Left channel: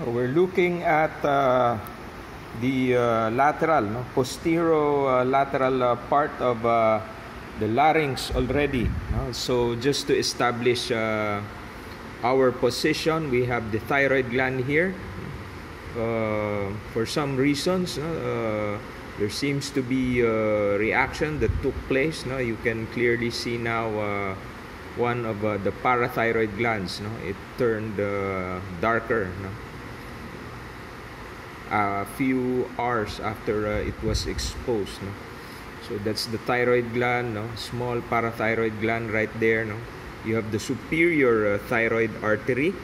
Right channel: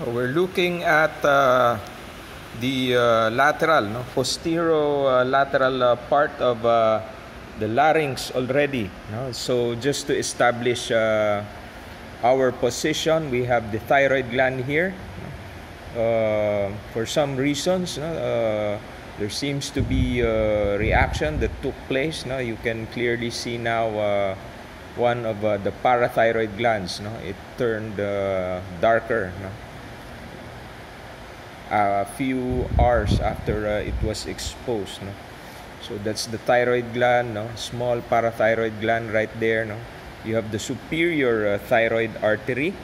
We're looking at the lateral, posterolateral part of the larynx already. So just to establish our position, we have the thyroid gland here. For some reasons, there seems to be a reaction that took place. You can clearly see now one of the parathyroid glands. It turned darker. A few hours after it was exposed. So that's the thyroid gland, small parathyroid gland right there. You have the superior thyroid artery.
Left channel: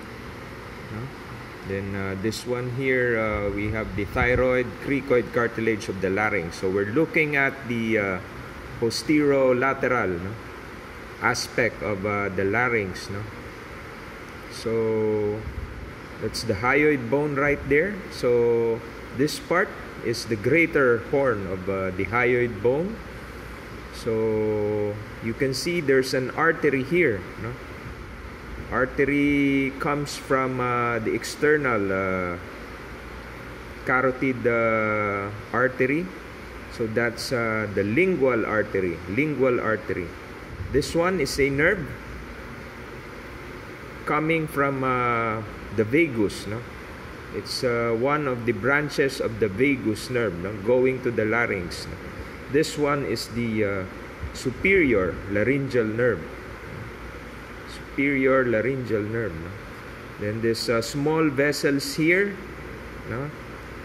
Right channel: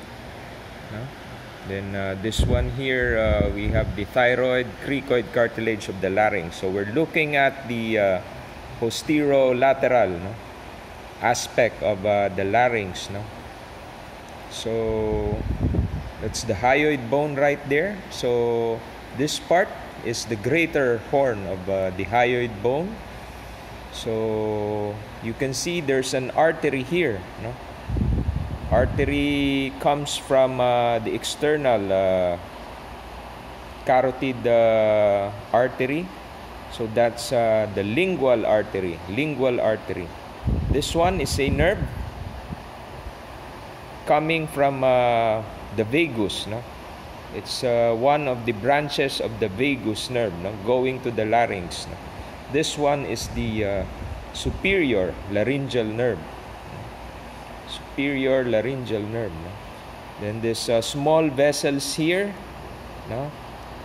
Then this one here, we have the thyroid cricoid cartilage of the larynx. So we're looking at the posterolateral aspect of the larynx. So that's the hyoid bone right there. So this part is the greater horn of the hyoid bone. So you can see there's an artery here. Artery comes from the external carotid artery. So that's the lingual artery. This one is a nerve coming from the vagus. It's one of the branches of the vagus nerve, going to the larynx. This one is the superior laryngeal nerve. Then this small vessels here.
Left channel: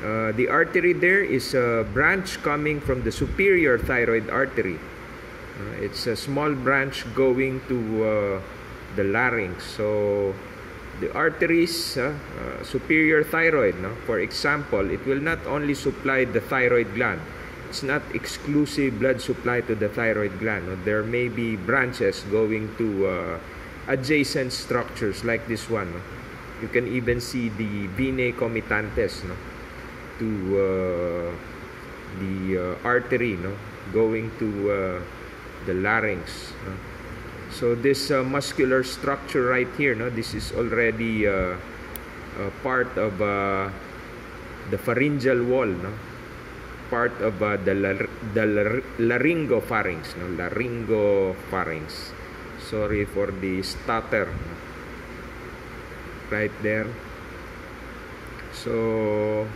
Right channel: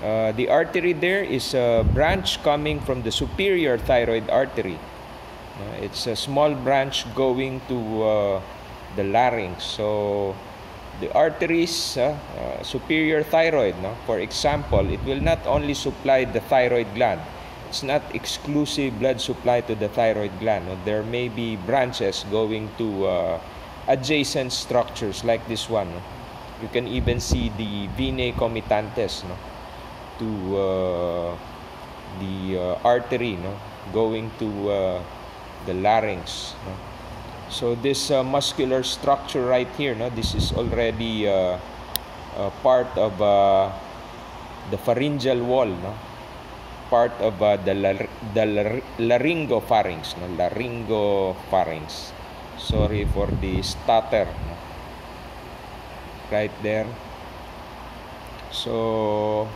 The artery there is a branch coming from the superior thyroid artery. It's a small branch going to the larynx. So the arteries, superior thyroid, for example, it will not only supply the thyroid gland. It's not exclusive blood supply to the thyroid gland. There may be branches going to adjacent structures like this one. You can even see the venae comitatantes to the artery going to the larynx. So this muscular structure right here, this is already part of the pharyngeal wall, part of the laryngopharynx, laryngopharynx. Sorry for the stutter. Right there. So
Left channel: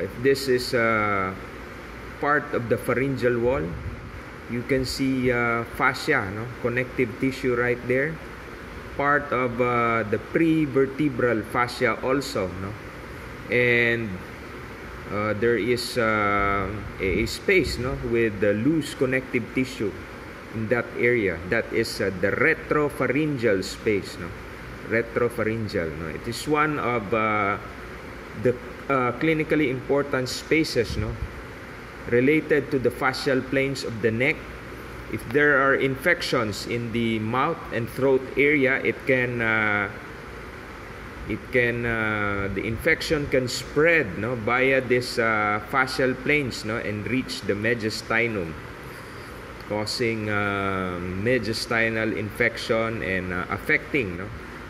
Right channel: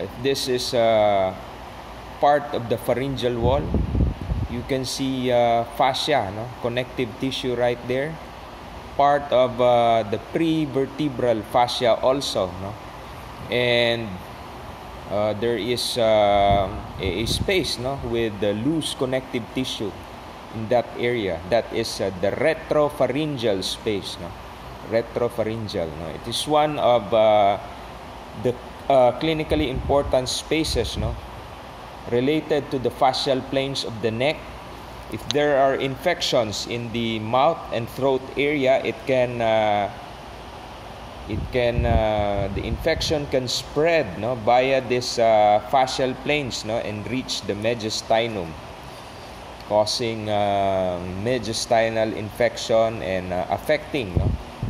if this is part of the pharyngeal wall, you can see fascia, connective tissue right there. Part of the prevertebral fascia also, and there is a space, with the loose connective tissue in that area. That is the retropharyngeal space, retropharyngeal. It is one of the clinically important spaces, related to the fascial planes of the neck. If there are infections in the mouth and throat area, the infection can spread via this fascial planes and reach the mediastinum, causing mediastinal infection and affecting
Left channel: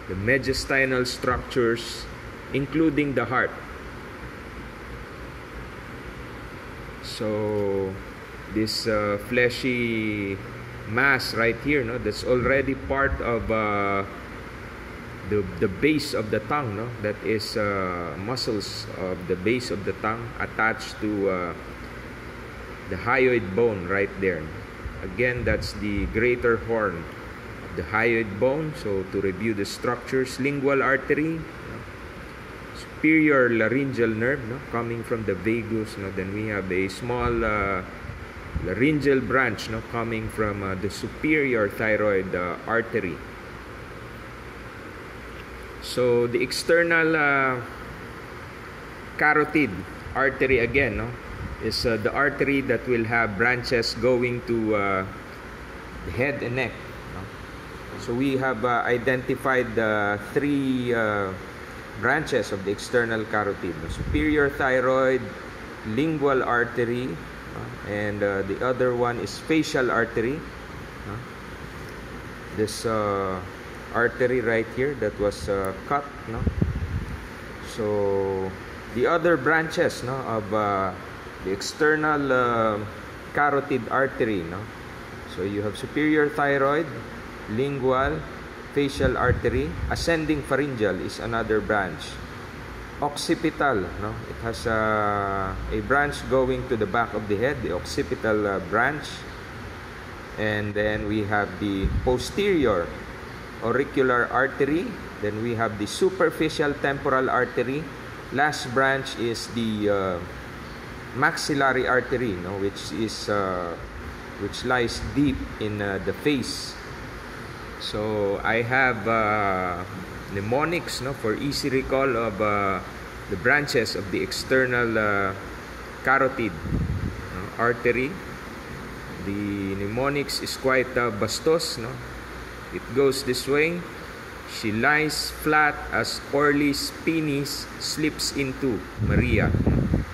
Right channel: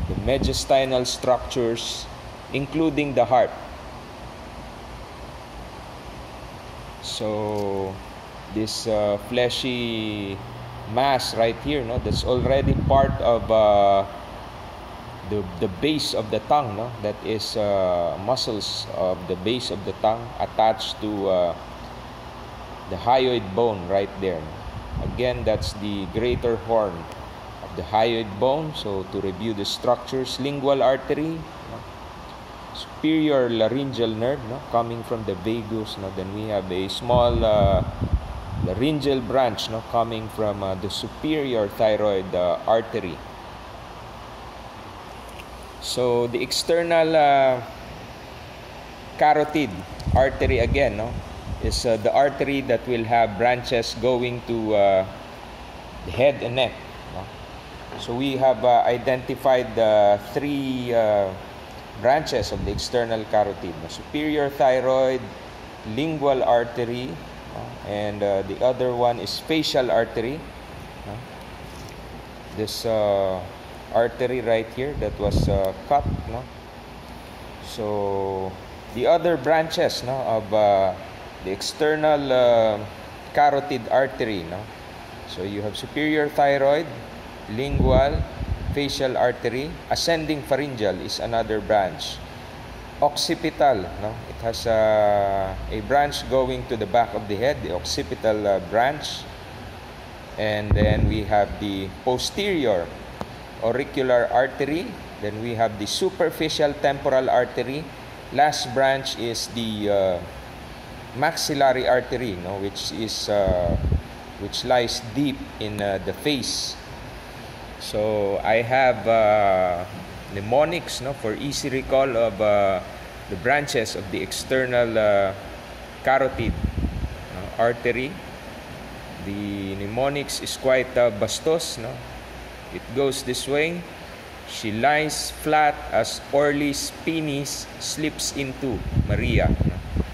the mediastinal structures, including the heart. So this fleshy mass right here, that's already part of the base of the tongue, that is muscles of the base of the tongue attached to the hyoid bone right there. Again, that's the greater horn of the hyoid bone. So to review the structures, lingual artery, superior laryngeal nerve, coming from the vagus. Then we have a small laryngeal branch, coming from the superior thyroid artery. So the external carotid artery again, is the artery that will have branches going to the head and neck. So we have identified the three branches of the external carotid: superior thyroid, lingual artery, and the other one is facial artery. This artery right here that was cut, So the other branches, no, of the external carotid artery, no. So you have superior thyroid, lingual, facial artery. Ascending pharyngeal is another branch. Occipital, no, it has a branch going to the back of the head, the occipital branch. And then we have the posterior auricular artery. Then we have the superficial temporal artery. Last branch is the maxillary artery, no, which lies deep in the face. So I have mnemonics, no, for easy recall of the branches of the external carotid artery. The mnemonics is quite bastos, no. It goes this way. She lies flat as Orly's penis slips into Maria.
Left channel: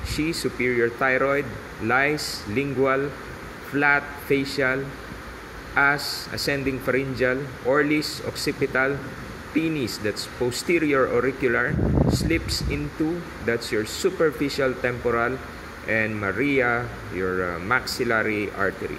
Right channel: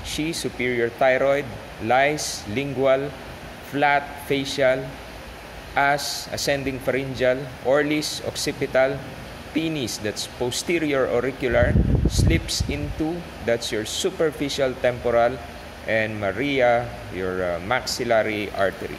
She, superior thyroid, lies lingual, flat facial, as ascending pharyngeal, Orly's occipital, penis, that's posterior auricular, slips into, that's your superficial temporal, and Maria, your maxillary artery.